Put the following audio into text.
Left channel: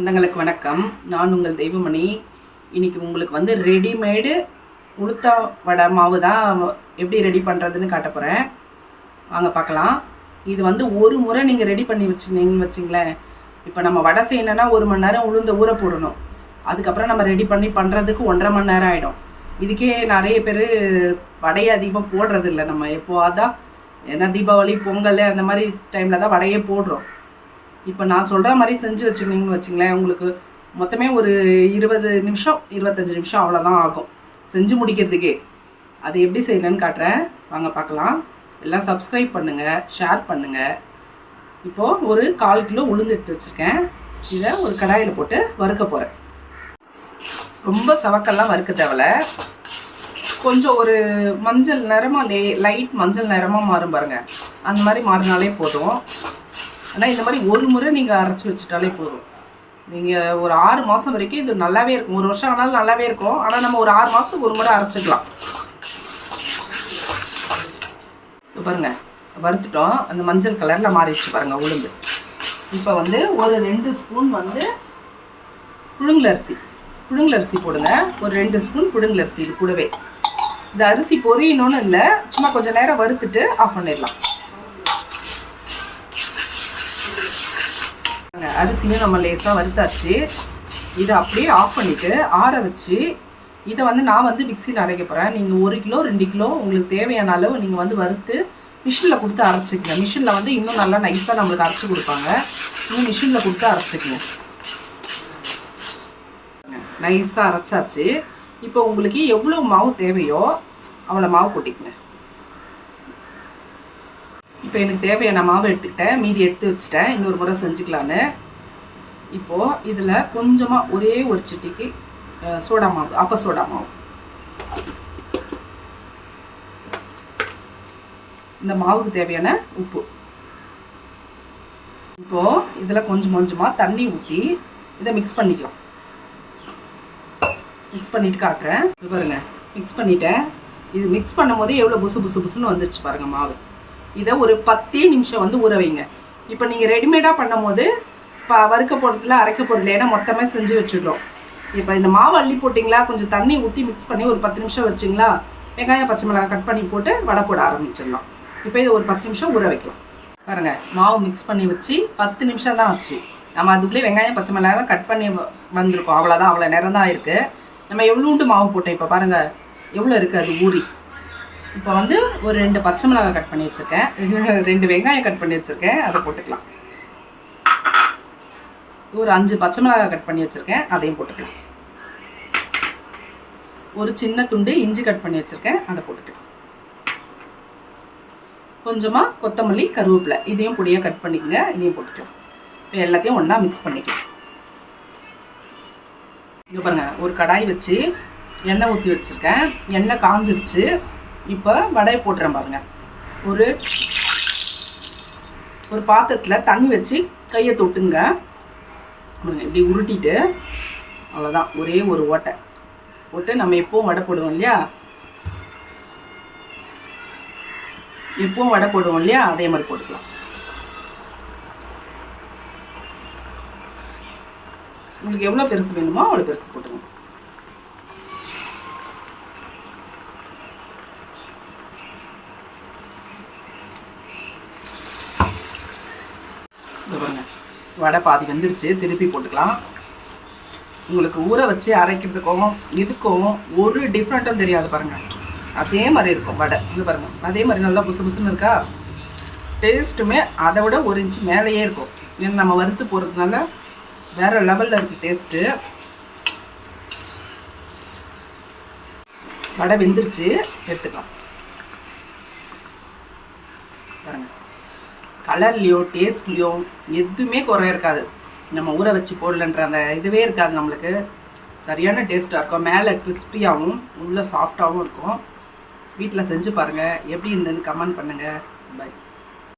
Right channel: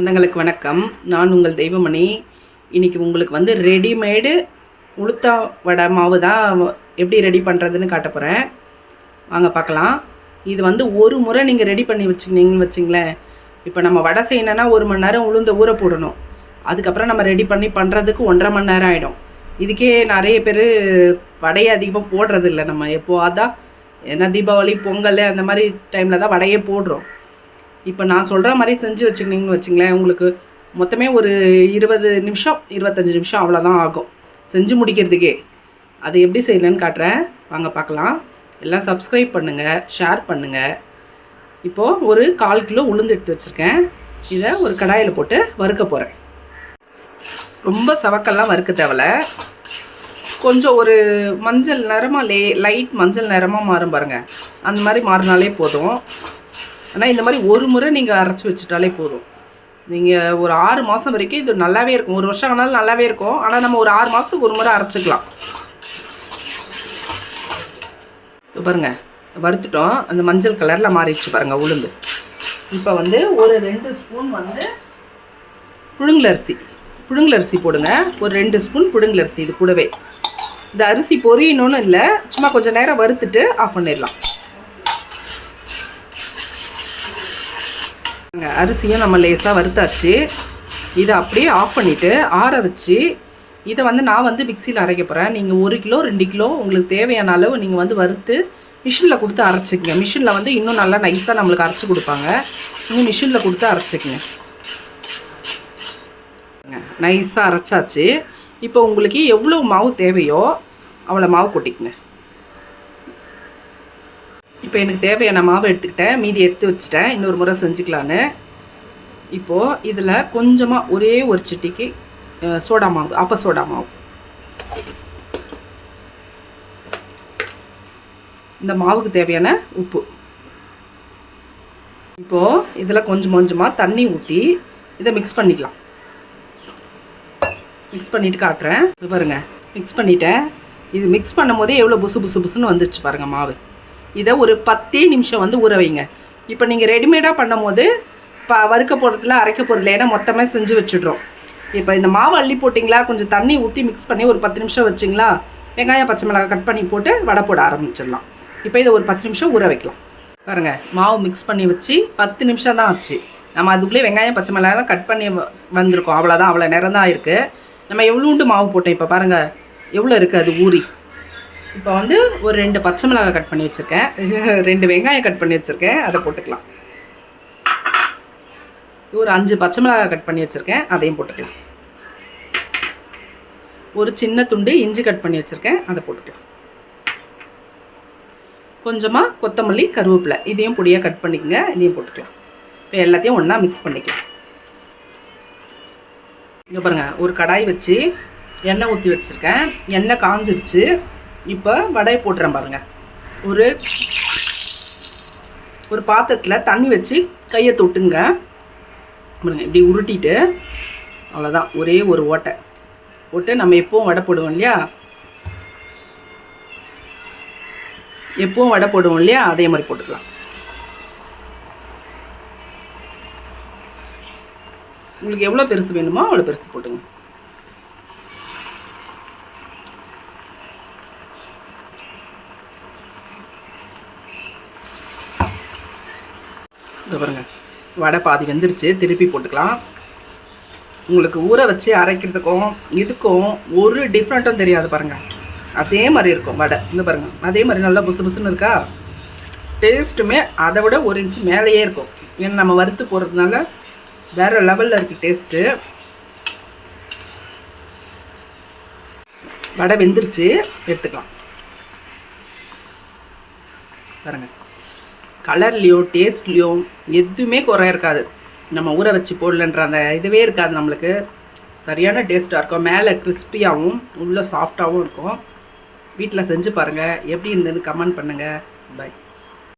சொந்தங்களுக்கு வணக்கம். நான் உங்கள் தெய்வமணி. இன்றைக்கி உங்களுக்கு வந்து ரெடிமேடு உளுத்தா வடை மாவு தான் எப்படி ரெடி பண்ணுறதுன்னு காட்ட போகிறேன் வாங்க பார்க்கலாம். இது வந்து ஒரு முறை நீங்கள் ரெடி பண்ணி வச்சுருந்தீங்கன்னு வச்சிங்களேன். இப்போ நம்ம வடை செய்யணுன்னா ஒரு மணி நேரம் உளுந்த ஊற போடணும். அதுக்கப்புறம் நம்ம ரெடி பண்ணி பண்ணுறதுக்கு ஒன்றரை மணி நேரம் ஆகிடும் இதுக்கே நிறைய பேர் வடையை அதிகமாக போடுறதில்ல. நம்ம எப்போ அதான் ஏன்னா தீபாவளி பொங்கல் அந்த மாதிரி டைமில் தான் வடையே போடுறோம். இப்போ நான் சொல்கிற மாதிரி செஞ்சு வச்சுக்கிங்கன்னு வச்சுங்களேன் உங்களுக்கு மொத்தமே ஒரு இருபது நிமிஷம் இருபத்தஞ்சி நிமிஷம் அவ்வளோதான் ஆகும். செஞ்சு முடிக்கிறதுக்கே. அது எப்படி செய்யலன்னு காட்டுறேன். வாங்க பார்க்கலாம். எல்லாம் சப்ஸ்கிரைப் பண்ணுங்கள் ஷேர் பண்ணுங்கள் இப்போது ஒரு கால் கிலோ உளுந்து எடுத்து வச்சுருக்கேன். இதை ஒரு கடாயில் போட்டு வறுக்க போகிறேன் ரொம்ப சவக்கெல்லாம் வறுக்க தேவையில்ல கொஞ்சம் ஒரு மஞ்சள் நிறமாக லே லைட் மஞ்சள் நிறமாக மாறும் பாருங்கள் அந்த மாதிரி மாறினாலே போதும். ஆனால் இந்த மாதிரி ஒரு முறை நீங்கள் அரைச்சி வச்சுட்டாலே போதும். நீங்கள் ஒரு ஆறு மாதம் வரைக்கும் இது நல்லாவே இருக்கும். ஒரு வருஷம் ஆனாலும் நல்லாவே இருக்கும். ஆனால் நம்ம ஒரு ஆறு மாதத்துக்கு ஒரு முறை அரைச்சிக்கலாம். இப்போ பாருங்கள் வறுத்துட்டோம். அந்த மஞ்சள் கலரில் மாறிடுச்சு பாருங்கள் உளுந்து. இப்போ வந்து ஒரு ரெண்டு ஸ்பூன் வந்து புழுங்கலரிசி புழுங்கலரிசி போடுங்க. ஒரு ரெண்டு ஸ்பூன் புழுங்கலரிசி இது கூடவே. இந்த அரிசி பொரியணும்னு இல்லை சும்மா கொஞ்சம் நேரம் வறுத்துட்டு ஆஃப் பண்ணிடலாம். அரிசியும் நம்ம லேசாக வறுத்தாச்சு. இதை அப்படியே ஆஃப் பண்ணிவிட்டு ஆற வச்சு இதை வந்து நான் வந்து மிக்சியில் அரைக்க போகிறேன் நீங்கள் ஒரு கிலோ ரெண்டு கிலோ உங்களுக்கு தேவையான அளவு நீங்கள் வந்து வறுத்து மிஷினில் கொடுத்து அரைச்சிக்கங்க. மிஷினில் வந்து இன்னும் நல்லா நைஸாக நம்மளுக்கு அரைச்சி கொடுப்பாங்க. இன்னும் மிஷினில் கொடுத்து அரைச்சிக்கங்க. நைஸாக அரைச்சாச்சு. இப்போ உங்களுக்கு எவ்வளோ மாவு தேவையோ அவ்வளோ மாவு கொட்டிக்கங்க. இப்போ எனக்கு தேவையான மாவு எடுத்துக்கிட்டேன். மீதி எடுத்து வச்சுட்டேன். இன்னொரு முறை செஞ்சுக்கலான்னு. இப்போது இதில் கொஞ்சமாக ஒரே ஒரு சிட்டிக்கு சோடா மாவு அப்போ சோடா மாவு. இந்த மாவுக்கு தேவையான உப்பு. இப்போது இதில் கொஞ்சம் கொஞ்சமாக தண்ணி ஊற்றி இதை மிக்ஸ் பண்ணிக்கலாம். மிக்ஸ் பண்ணிட்டு காட்டுறேன். பாருங்கள் மிக்ஸ் பண்ணிட்டேன். இது மிக்ஸ் பண்ணும்போதே எவ்வளோ புசு புசு புசுன்னு வந்துருச்சு பாருங்கள் மாவு. இதை ஒரு பத்தே நிமிஷம் வந்து ஊற வைங்க. இப்போ நீங்கள் ரெடிமேடாக பண்ணும் போது இப்போ வறுக்க போடுறதுல அரைக்க போகிறதுல ஏன்னா மொத்தமாக செஞ்சு வச்சுடுறோம். இப்போ இந்த மாவு அள்ளி போட்டிங்களா? கொஞ்சம் தண்ணி ஊற்றி மிக்ஸ் பண்ணி ஒரு பத்து நிமிஷம் வச்சிங்களா? வெங்காயம் பச்சை மிளகாய் கட் பண்ணி போட்டு வடை போட ஆரம்பிச்சிடலாம். இப்போ இதை ஒரு பத்து நிமிஷம் ஊற வைக்கலாம். பாருங்கள் மாவு மிக்ஸ் பண்ணி வச்சு பத்து நிமிஷம் தான் ஆச்சு. நம்ம அதுக்குள்ளே வெங்காயம் பச்சை மிளகாய் கட் பண்ணி வ- வந்திருக்கோம். அவ்வளோதான் அவ்வளோ நேரம் தான் இருக்குது நம்ம எவ்வளோண்டு மாவு போட்டோம் இப்போ பாருங்கள் எவ்வளோ இருக்குது அது ஊறி? இப்போ வந்து ஒரு ரெண்டு பச்சை மிளகாய் கட் பண்ணி வச்சுருக்கேன். ரெண்டு வெங்காயம் கட் பண்ணி வச்சுருக்கேன். அதை போட்டுக்கலாம். ஒரு அஞ்சு பச்சை மிளகாய் கட் பண்ணி வச்சுருக்கேன். அதையும் போட்டுக்கலாம். ஒரு சின்ன துண்டு இஞ்சி கட் பண்ணி வச்சுருக்கேன். அதை போட்டுக்கலாம். கொஞ்சமாக கொத்தமல்லி கருவேப்பிலை. இதையும் பொடியாக கட் பண்ணிக்கங்க. இதையும் போட்டுக்கலாம். இப்போ எல்லாத்தையும் ஒன்றா மிக்ஸ் பண்ணிக்கலாம். இங்கே பாருங்கள் ஒரு கடாய் வச்சு எண்ணெய் ஊற்றி வச்சுருக்கேன். எண்ணெய் காஞ்சிருச்சு. இப்போ வடையை போட்டுறேன் பாருங்க. ஒரு ஒரு பாத்திரத்தில் தண்ணி வச்சு கையை தொட்டுங்க. பாருங்க இப்படி உருட்டிட்டு அவ்வளோதான் ஒரே ஒரு ஓட்டை. போட்டு நம்ம எப்பவும் வடை போடுவோம் இல்லையா? எப்பவும் வடை போடுவோம் இல்லையா? அதே மாதிரி போட்டுக்கலாம். உங்களுக்கு எவ்வளோ பெருசு வேணுமோ அவ்வளோ பெருசு போட்டுங்க இங்க பாருங்க. வடை பாதி வெந்துருச்சு. திருப்பி போட்டுக்கலாம். உங்களுக்கு ஊற வச்சு அரைக்கிறதுக்கும் இதுக்கும் ஒரு டிஃப்ரெண்ட்டும் தெரியாது பாருங்க. அதே மாதிரி இருக்கும் வடை. இந்த பாருங்க. அதே மாதிரி நல்லா புசு புசுன்னு இருக்கா? டேஸ்ட்டுமே அதை விட ஒரு இன்ச்சு மேலேயே இருக்கும். ஏன்னா நம்ம வறுத்து போகிறதுனால வேறு லெவலில் இருக்குது டேஸ்ட்டு வடை வெந்துருச்சு. எடுத்துக்கலாம். பாருங்க. கலர்லேயோ டேஸ்ட்லேயோ எதுவுமே குறை இருக்காது. நம்ம ஊற வச்சு போடலன்ற அந்த இதுவே இருக்காது நம்மளுக்கு. சரியான டேஸ்ட்டாக இருக்கும். மேலே கிறிஸ்பியாகவும் உள்ளே சாஃப்டாகவும் இருக்கும். வீட்டில் செஞ்சு பாருங்கள் எப்படி இருந்ததுன்னு கமெண்ட் பண்ணுங்கள் பை